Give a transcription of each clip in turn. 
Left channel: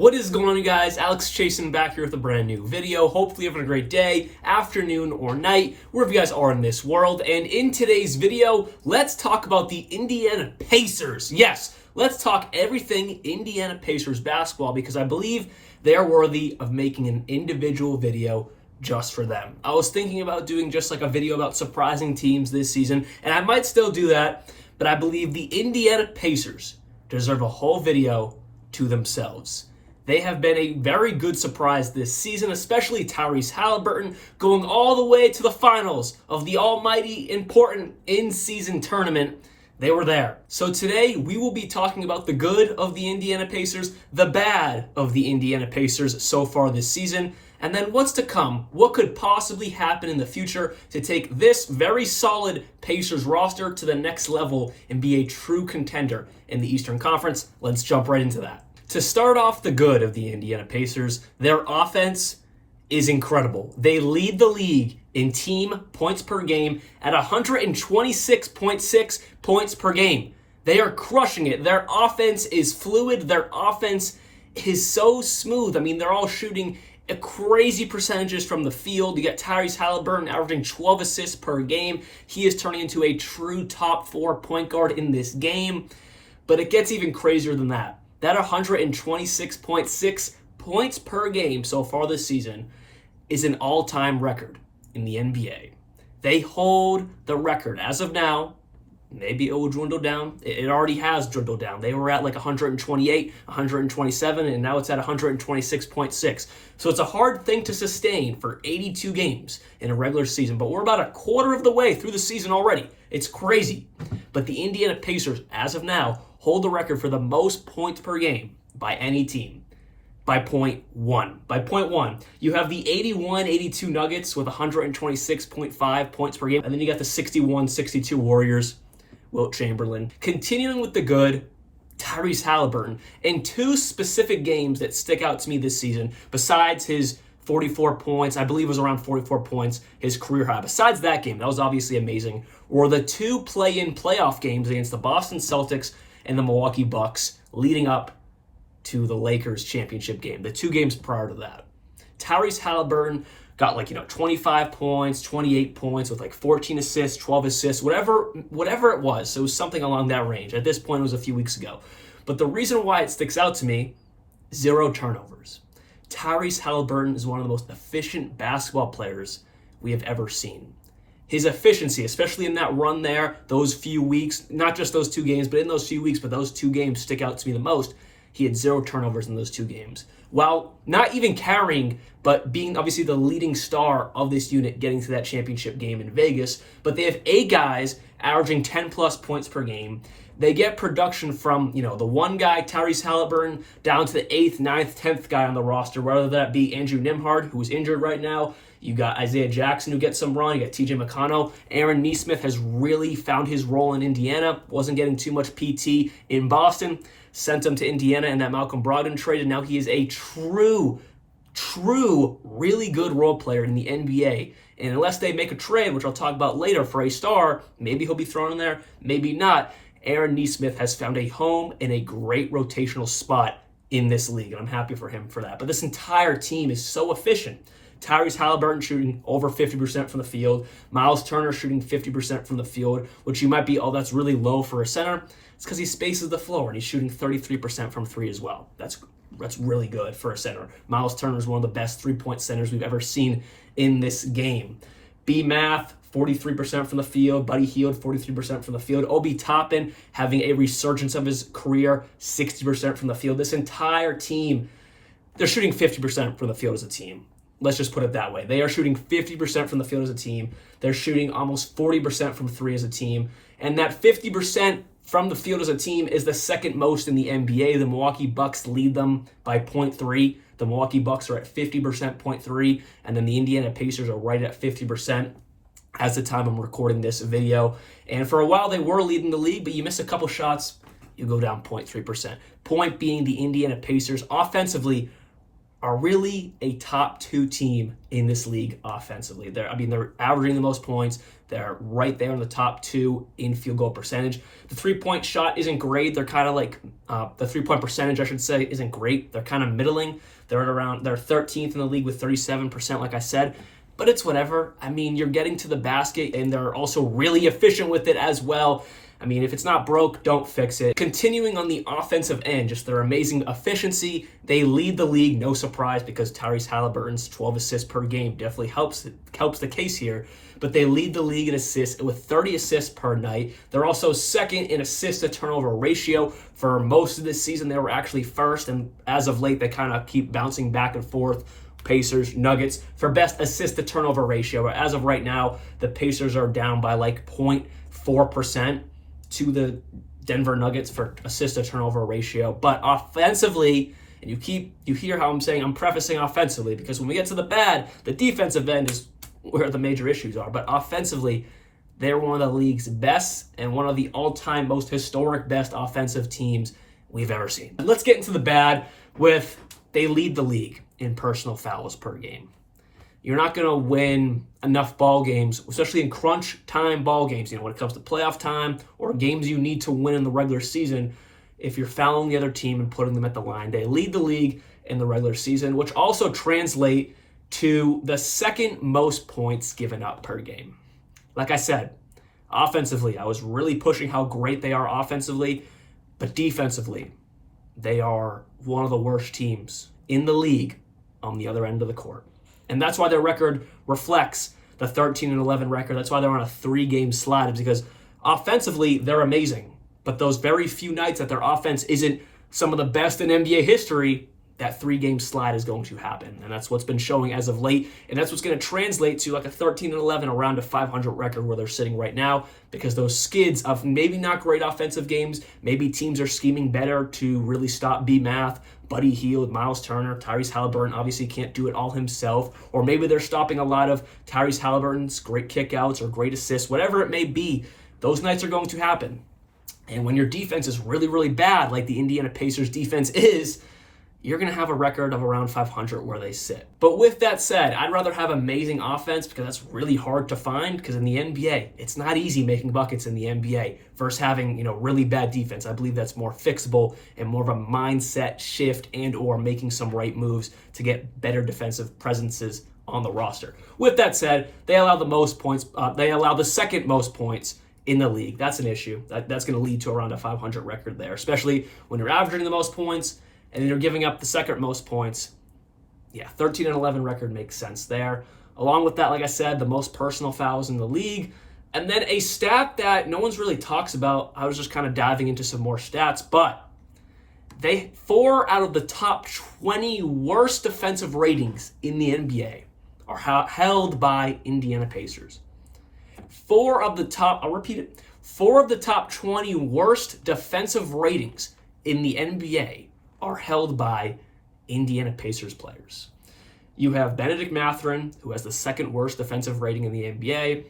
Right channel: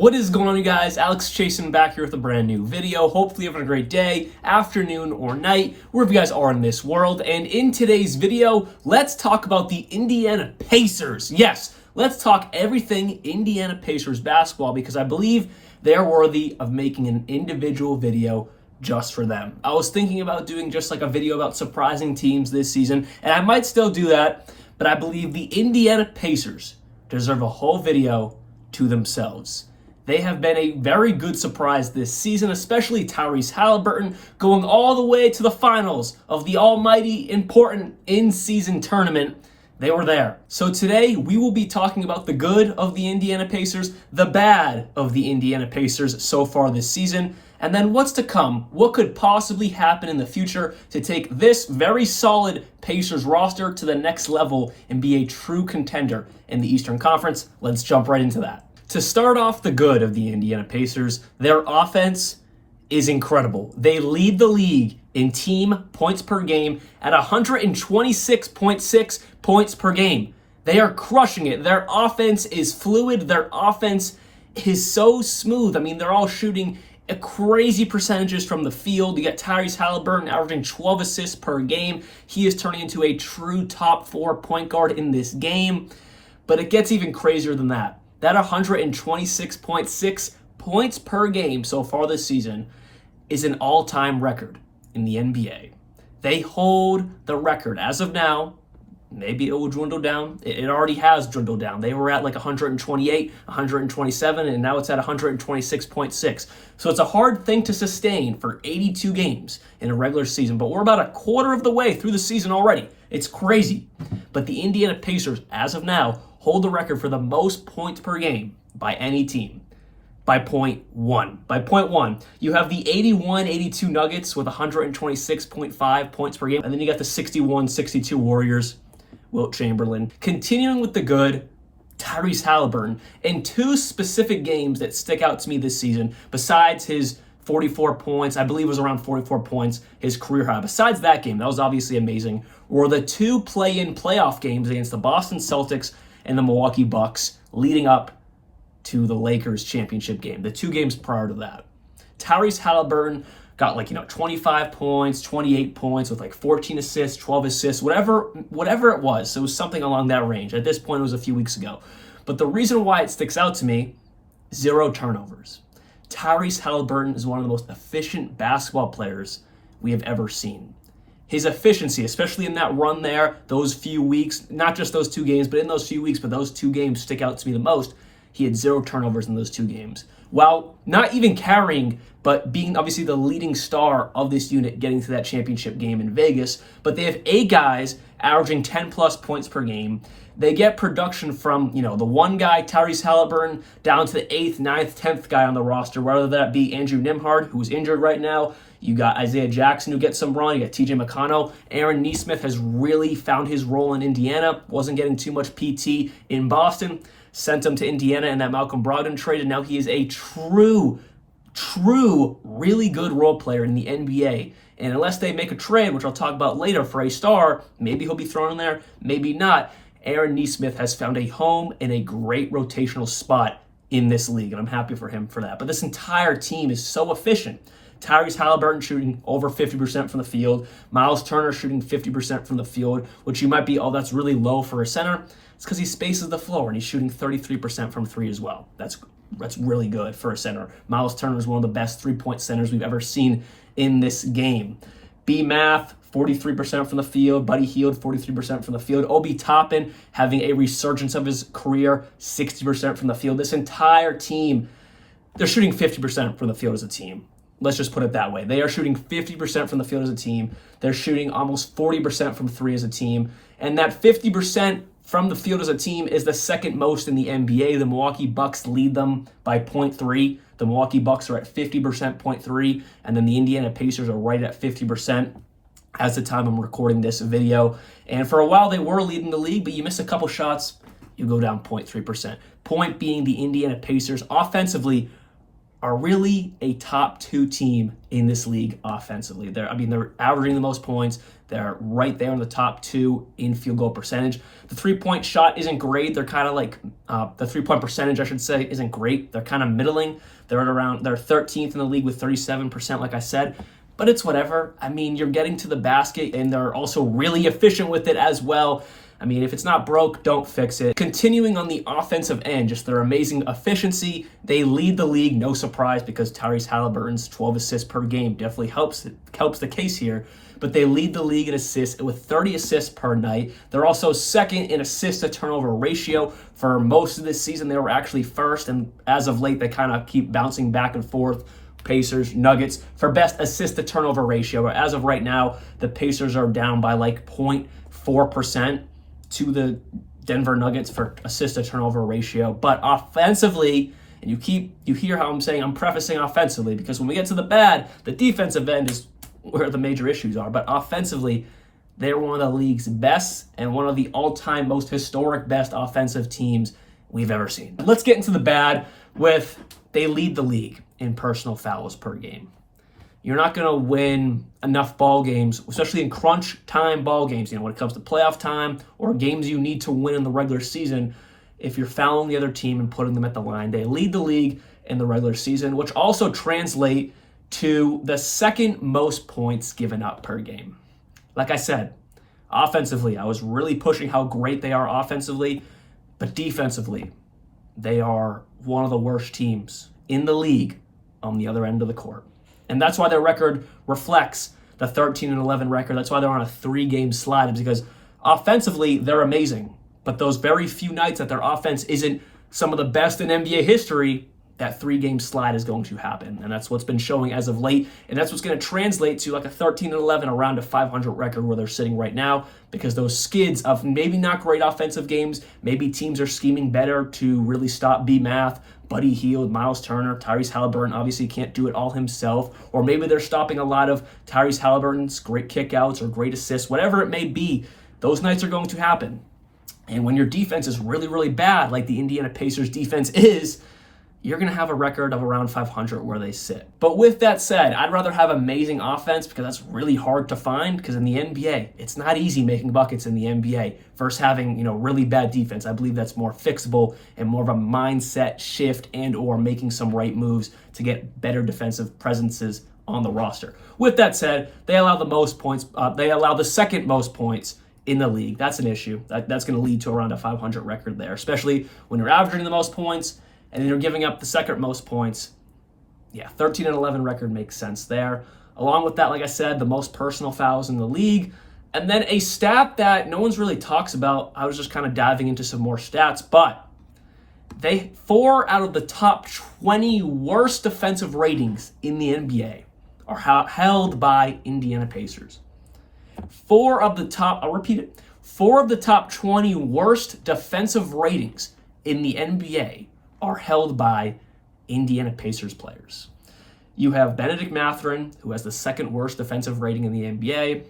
What is going on, you guys? Alex Chasen back here with a brand new video. Hopefully you're having a great day, afternoon, or night, wherever you guys are in this world. And in today's video, let's talk about the Indiana Pacers. Yes, let's talk everything Indiana Pacers basketball because I believe they're worthy of making an individual video just for them. I was thinking about doing just like a video about surprising teams this season, and I might still do that, but I believe the Indiana Pacers deserve a whole video to themselves. They have been a very good surprise this season, especially Tyrese Haliburton going all the way to the finals of the almighty important in-season tournament. They were there. So today we will be talking about the good of the Indiana Pacers, the bad of the Indiana Pacers so far this season, and then what's to come. What could possibly happen in the future to take this very solid Pacers roster to the next level and be a true contender in the Eastern Conference? Let's jump right into that. To start off the good of the Indiana Pacers, their offense is incredible. They lead the league in team points per game at 126.6 points per game. They are crushing it. Their offense is fluid. Their offense is so smooth. I mean, they're all shooting crazy percentages from the field. You got Tyrese Haliburton averaging 12 assists per game. He is turning into a true top 4 point guard in this game. But it gets even crazier than that. That 126.6 points per game so far this season is an all-time record in the NBA. They hold the record as of now. Maybe it will dwindle down. It already has dwindled down. They were at like 128, 127, and now it's at 126.6. So it's a hard thing to sustain for 82 games in a regular season, but we're about a quarter of the way through the season already. It's crazy. But the Indiana Pacers, as of now, hold the record for the most points per game by any team. By point one, you have the 81-82 Nuggets with 126.5 points per game, and then you got the 61-62 Warriors, Wilt Chamberlain. Continuing with the good, Tyrese Haliburton, in two specific games that stick out to me this season, besides his 44 points, I believe it was around 44 points, his career high. Besides that game, that was obviously amazing, were the two play-in playoff games against the Boston Celtics and the Milwaukee Bucks leading up to the Lakers championship game, the two games prior to that. Tyrese Haliburton got 25 points, 28 points with 14 assists, 12 assists, whatever it was. So it was something along that range. At this point, it was a few weeks ago. But the reason why it sticks out to me, 0 turnovers. Tyrese Haliburton is one of the most efficient basketball players we have ever seen. His efficiency, especially in that run there, those few weeks, not just those two games, but in those few weeks, but those two games stick out to me the most. He had 0 turnovers in those two games. While not even carrying, but being obviously the leading star of this unit getting to that championship game in Vegas. But they have 8 guys averaging 10 plus points per game. They get production from, the one guy, Tyrese Haliburton, down to the 8th, 9th, 10th guy on the roster, whether that be Andrew Nembhard, who is injured right now. You got Isaiah Jackson, who gets some run. You got TJ McConnell. Aaron Nesmith has really found his role in Indiana. Wasn't getting too much PT in Boston. Sent him to Indiana in that Malcolm Brogdon trade, and now he is a true, really good role player in the NBA. And unless they make a trade, which I'll talk about later, for a star, maybe he'll be thrown in there, maybe not. Aaron Nesmith has found a home and a great rotational spot in this league, and I'm happy for him for that. But this entire team is so efficient. Tyrese Haliburton shooting over 50% from the field. Miles Turner shooting 50% from the field, which you might be, oh, that's really low for a center. It's because he spaces the floor, and he's shooting 33% from 3 as well. That's really good for a center. Miles Turner is one of the best 3-point centers we've ever seen in this game. B-Math, 43% from the field. Buddy Hield, 43% from the field. Obi Toppin having a resurgence of his career, 60% from the field. This entire team, they're shooting 50% from the field as a team. Let's just put it that way. They are shooting 50% from the field as a team. They're shooting almost 40% from 3 as a team. And that 50% from the field as a team is the second most in the NBA. The Milwaukee Bucks lead them by 0.3. The Milwaukee Bucks are at 50%, 0.3. And then the Indiana Pacers are right at 50% as the time I'm recording this video. And for a while, they were leading the league, but you miss a couple shots, you go down 0.3%. Point being, the Indiana Pacers offensively are really a top 2 team in this league offensively. They're averaging the most points. They're right there in the top 2 in field goal percentage. The three-point shot isn't great. They're kind of like, the three-point percentage, I should say, isn't great. They're kind of middling. They're 13th in the league with 37%, like I said. But it's whatever. I mean, you're getting to the basket, and they're also really efficient with it as well. I mean, if it's not broke, don't fix it. Continuing on the offensive end, just their amazing efficiency. They lead the league, no surprise, because Tyrese Halliburton's 12 assists per game definitely helps the case here. But they lead the league in assists with 30 assists per night. They're also second in assist to turnover ratio. For most of this season, they were actually first, and as of late, they kind of keep bouncing back and forth. Pacers, Nuggets, for best assist to turnover ratio. As of right now, the Pacers are down by like 0.4% to the Denver Nuggets for assist to turnover ratio. But offensively, and you hear how I'm saying I'm prefacing offensively, because when we get to the bad, the defensive end is where the major issues are. But offensively, they're one of the league's best and one of the all-time most historic best offensive teams we've ever seen. Let's get into the bad with they lead the league in personal fouls per game. You're not going to win enough ball games, especially in crunch time ball games, when it comes to playoff time or games you need to win in the regular season, if you're fouling the other team and putting them at the line. They lead the league in the regular season, which also translate to the second most points given up per game. Like I said, offensively, I was really pushing how great they are offensively, but defensively, they are one of the worst teams in the league on the other end of the court. And that's why their record reflects the 13-11 record. That's why they're on a 3-game slide, because offensively, they're amazing. But those very few nights that their offense isn't some of the best in NBA history, that 3-game slide is going to happen. And that's what's been showing as of late. And that's what's going to translate to like a 13-11, around a 500 record where they're sitting right now, because those skids of maybe not great offensive games, maybe teams are scheming better to really stop B-Math, Buddy Hield, Miles Turner, Tyrese Halliburton obviously can't do it all himself, or maybe they're stopping a lot of Tyrese Halliburton's great kickouts or great assists, whatever it may be. Those nights are going to happen. And when your defense is really, really bad, like the Indiana Pacers defense is, you're going to have a record of around 500 where they sit. But with that said, I'd rather have amazing offense, because that's really hard to find, because in the NBA, it's not easy making buckets in the NBA versus having, really bad defense. I believe that's more fixable and more of a mindset shift and or making some right moves to get better defensive presences on the roster. With that said, they allow the most points. They allow the second most points in the league. That's an issue. That's going to lead to around a 500 record there, especially when you're averaging the most points and you're giving up the second most points. Yeah, 13-11 record makes sense there. Along with that, like I said, the most personal fouls in the league. And then a stat that no one's really talks about. I was just kind of diving into some more stats, but 4 out of the top 20 worst defensive ratings in the NBA are held by Indiana Pacers. 4 of the top 20 worst defensive ratings in the NBA are held by Indiana Pacers players. You have Benedict Mathurin, who has the second worst defensive rating in the NBA.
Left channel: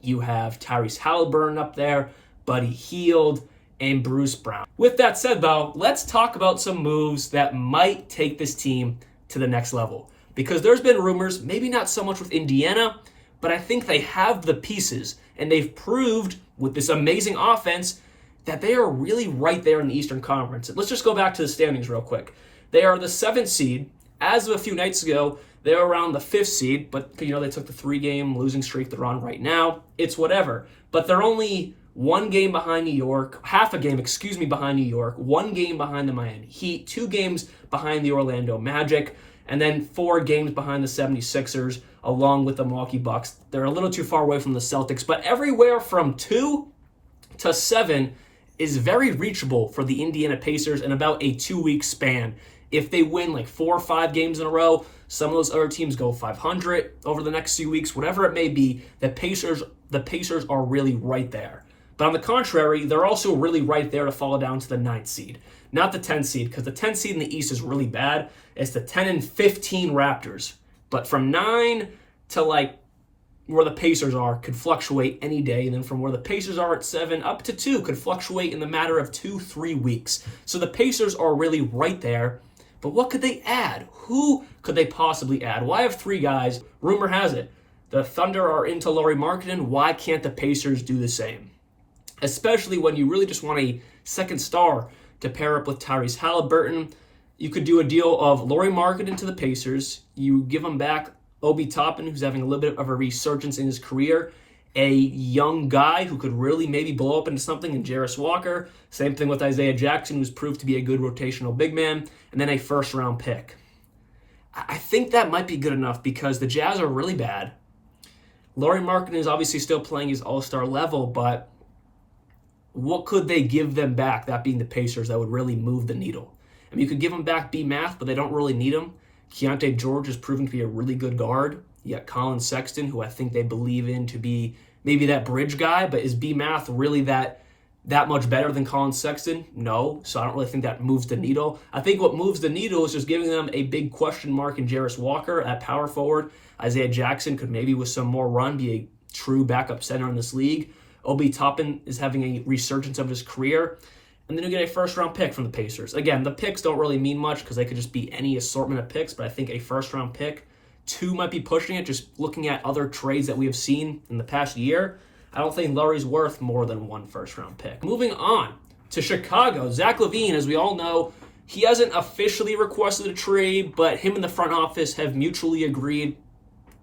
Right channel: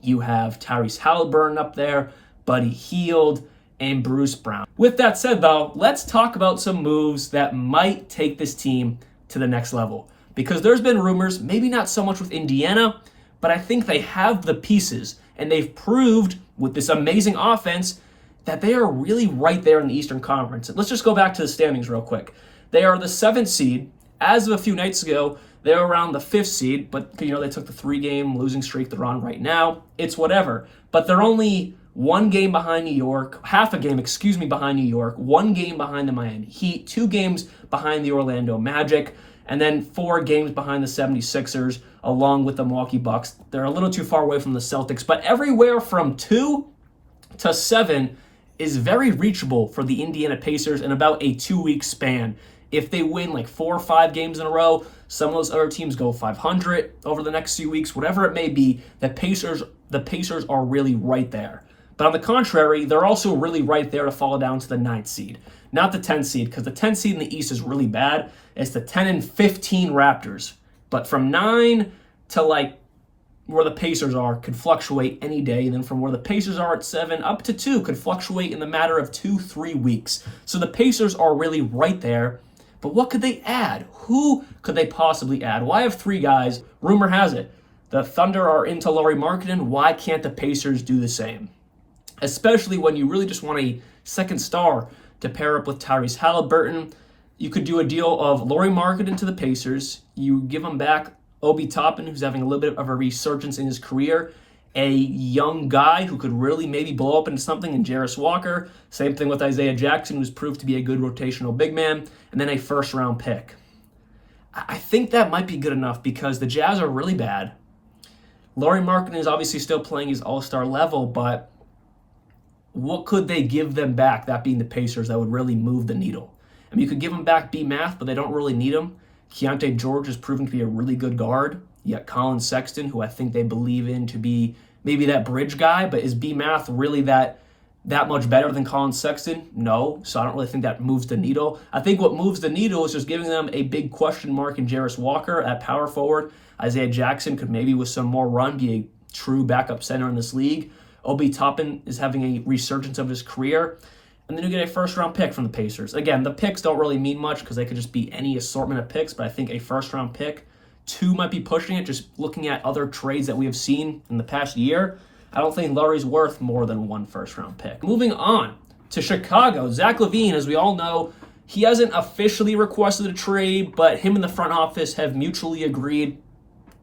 You have Tyrese Halliburton up there, Buddy Hield, and Bruce Brown. With that said, though, let's talk about some moves that might take this team to the next level. Because there's been rumors, maybe not so much with Indiana, but I think they have the pieces, and they've proved with this amazing offense that they are really right there in the Eastern Conference. Let's just go back to the standings real quick. They are the 7th seed. As of a few nights ago, they were around the 5th seed, but they took the 3-game losing streak they're on right now. It's whatever. But they're only 1 game behind New York, half a game, behind New York, 1 game behind the Miami Heat, 2 games behind the Orlando Magic, and then 4 games behind the 76ers, along with the Milwaukee Bucks. They're a little too far away from the Celtics, but everywhere from 2 to 7 is very reachable for the Indiana Pacers in about a 2-week span. If they win like 4 or 5 games in a row, some of those other teams go 500 over the next few weeks, whatever it may be, the Pacers are really right there. But on the contrary, they're also really right there to fall down to the 9th seed. Not the 10th seed, because the 10th seed in the East is really bad. It's the 10 and 15 Raptors. But from 9 to where the Pacers are could fluctuate any day. And then from where the Pacers are at 7 up to 2 could fluctuate in the matter of 2-3 weeks. So the Pacers are really right there. But what could they add? Who could they possibly add? Well, I have 3 guys. Rumor has it The Thunder are into Lauri Markkanen. Why can't the Pacers do the same? Especially when you really just want a second star to pair up with Tyrese Haliburton. You could do a deal of Lauri Markkanen to the Pacers. You give him back Obi Toppin, who's having a little bit of a resurgence in his career. A young guy who could really maybe blow up into something in Jarris Walker. Same thing with Isaiah Jackson, who's proved to be a good rotational big man. And then a first-round pick. I think that might be good enough because the Jazz are really bad. Lauri Markkanen is obviously still playing his all-star level, but what could they give them back, that being the Pacers, that would really move the needle? I mean, you could give them back B. Math, but they don't really need him. Keontae George has proven to be a really good guard. You got Colin Sexton, who I think they believe in to be maybe that bridge guy, but is B. Math really that much better than Colin Sexton? No, so I don't really think that moves the needle. I think what moves the needle is just giving them a big question mark in Jarris Walker at power forward. Isaiah Jackson could maybe with some more run be a true backup center in this league. Obi Toppin is having a resurgence of his career. And then you get a first-round pick from the Pacers. Again, the picks don't really mean much because they could just be any assortment of picks, but I think a first-round pick, 2 might be pushing it, just looking at other trades that we have seen in the past year. I don't think Lauri's worth more than 1 first-round pick. Moving on to Chicago. Zach LaVine, as we all know, he hasn't officially requested a trade, but him and the front office have mutually agreed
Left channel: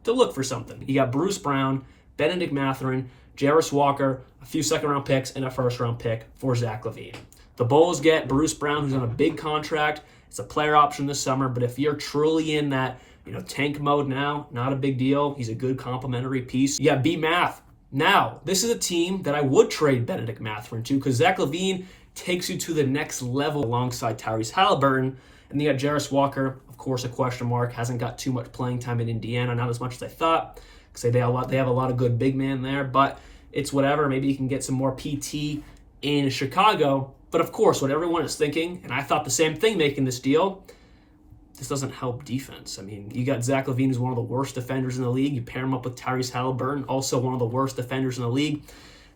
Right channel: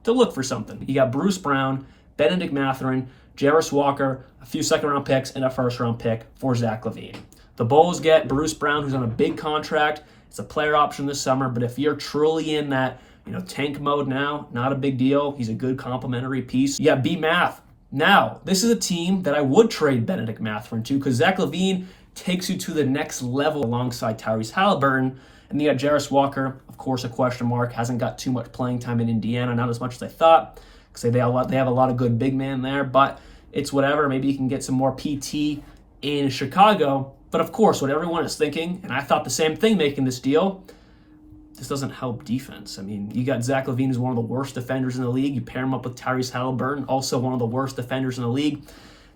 to look for something. You got Bruce Brown, Benedict Mathurin, Jarris Walker, a few second-round picks, and a first-round pick for Zach LaVine. The Bulls get Bruce Brown, who's on a big contract. It's a player option this summer, but if you're truly in that tank mode now, not a big deal. He's a good complementary piece. You got B. Math. Now, this is a team that I would trade Benedict Mathurin to because Zach LaVine takes you to the next level alongside Tyrese Haliburton. And you got Jarris Walker, of course, a question mark. Hasn't got too much playing time in Indiana, not as much as I thought. Because they have a lot of good big men there, but it's whatever. Maybe you can get some more PT in Chicago. But of course, what everyone is thinking, and I thought the same thing making this deal, this doesn't help defense. I mean, you got Zach LaVine, who's one of the worst defenders in the league. You pair him up with Tyrese Haliburton, also one of the worst defenders in the league.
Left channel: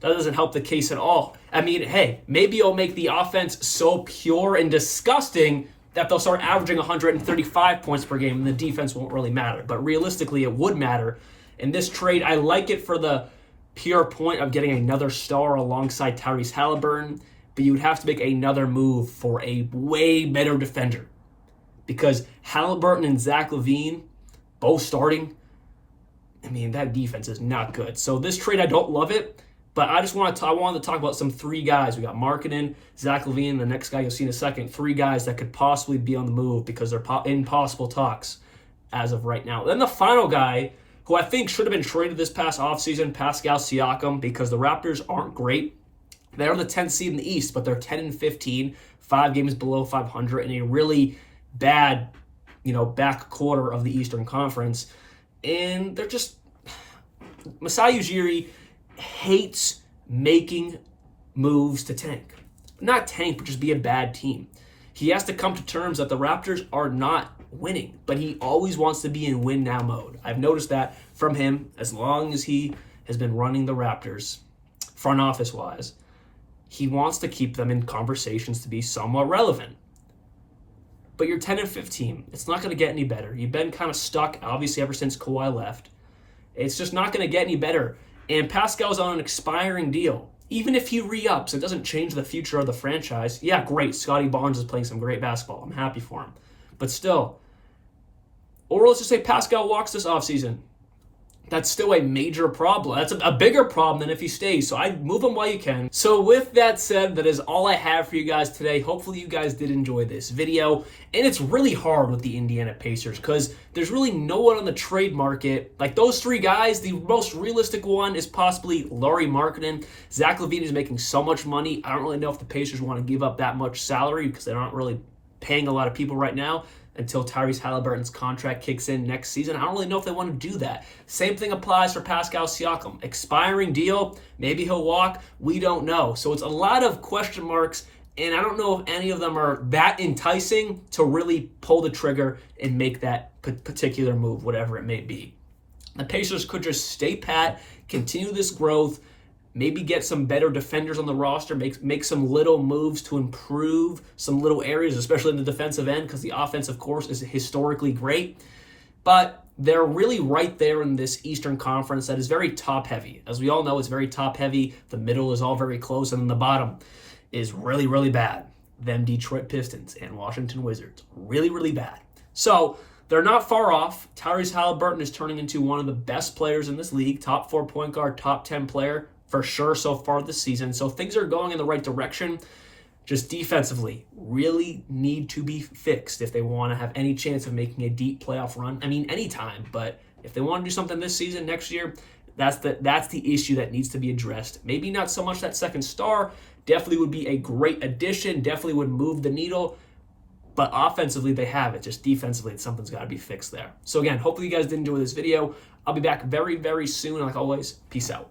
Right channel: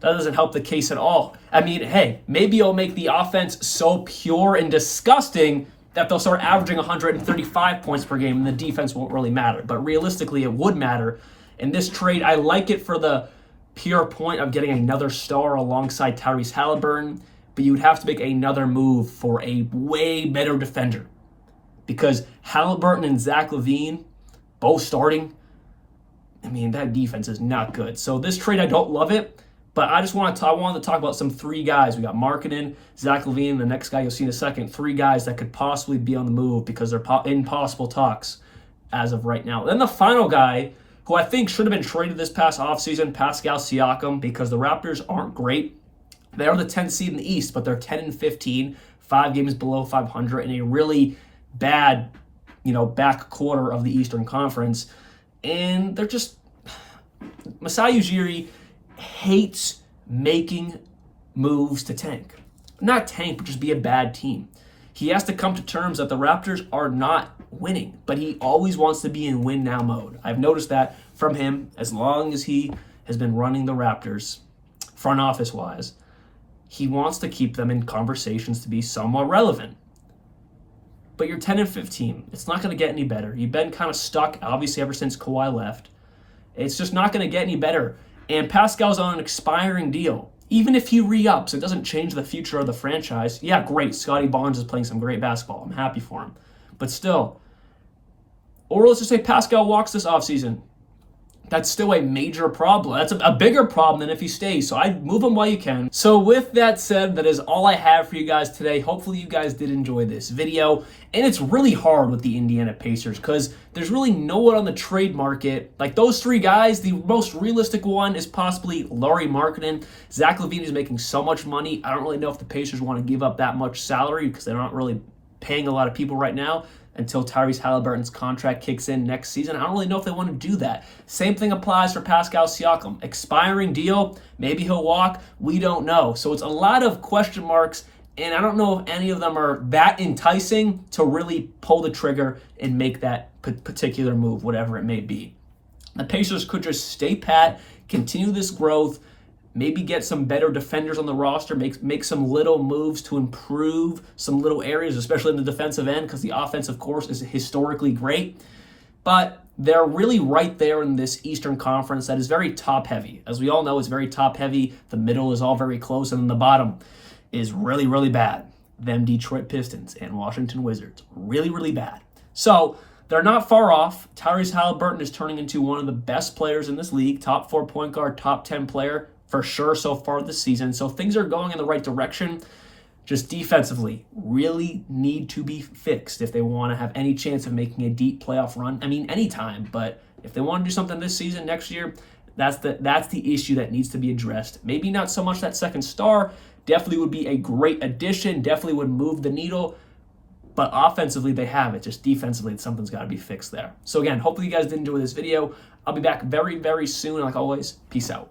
That doesn't help the case at all. I mean, hey, maybe it'll make the offense so pure and disgusting that they'll start averaging 135 points per game and the defense won't really matter. But realistically, it would matter. In this trade, I like it for the pure point of getting another star alongside Tyrese Haliburton, but you would have to make another move for a way better defender. Because Haliburton and Zach LaVine, both starting, I mean, that defense is not good. So this trade, I don't love it, but I wanted to talk about some 3 guys. We got Markkanen, Zach LaVine, the next guy you'll see in a second. 3 guys that could possibly be on the move because they're in possible talks as of right now. Then the final guy, who I think should have been traded this past offseason, Pascal Siakam, because the Raptors aren't great. They're the 10th seed in the East, but they're 10-15, 5 games below 500, in a really bad, back quarter of the Eastern Conference. And they're just, Masai Ujiri hates making moves to tank. Not tank, but just be a bad team. He has to come to terms that the Raptors are not winning, but he always wants to be in win now mode. I've noticed that from him as long as he has been running the Raptors, front office wise. He wants to keep them in conversations to be somewhat relevant. But you're 10-15. It's not going to get any better. You've been kind of stuck, obviously, ever since Kawhi left. It's just not going to get any better. And Pascal's on an expiring deal. Even if he re-ups, it doesn't change the future of the franchise. Yeah, great. Scotty Barnes is playing some great basketball. I'm happy for him. But still, or let's just say Pascal walks this offseason. That's still a major problem. That's a bigger problem than if he stays. So I move him while you can. So with that said, that is all I have for you guys today. Hopefully you guys did enjoy this video. And it's really hard with the Indiana Pacers because there's really no one on the trade market. Like those 3 guys, the most realistic one is possibly Lauri Markkanen. Zach LaVine is making so much money. I don't really know if the Pacers want to give up that much salary because they're not really paying a lot of people right now until Tyrese Haliburton's contract kicks in next season. I don't really know if they want to do that. Same thing applies for Pascal Siakam. Expiring deal, maybe he'll walk, we don't know. So it's a lot of question marks, and I don't know if any of them are that enticing to really pull the trigger and make that particular move, whatever it may be. The Pacers could just stay pat, continue this growth, maybe get some better defenders on the roster, make some little moves to improve some little areas, especially in the defensive end, because the offense, of course, is historically great. But they're really right there in this Eastern Conference that is very top-heavy. As we all know, it's very top-heavy. The middle is all very close, and then the bottom is really, really bad. Them Detroit Pistons and Washington Wizards. Really, really bad. So they're not far off. Tyrese Haliburton is turning into one of the best players in this league. Top 4 point guard, top 10 player for sure so far this season. So things are going in the right direction. Just defensively, really need to be fixed if they want to have any chance of making a deep playoff run. I mean, anytime, but if they want to do something this season, next year, that's the issue that needs to be addressed. Maybe not so much that second star. Definitely would be a great addition. Definitely would move the needle. But offensively, they have it. Just defensively, something's got to be fixed there. So again, hopefully you guys did enjoy this video. I'll be back very, very soon. Like always, peace out.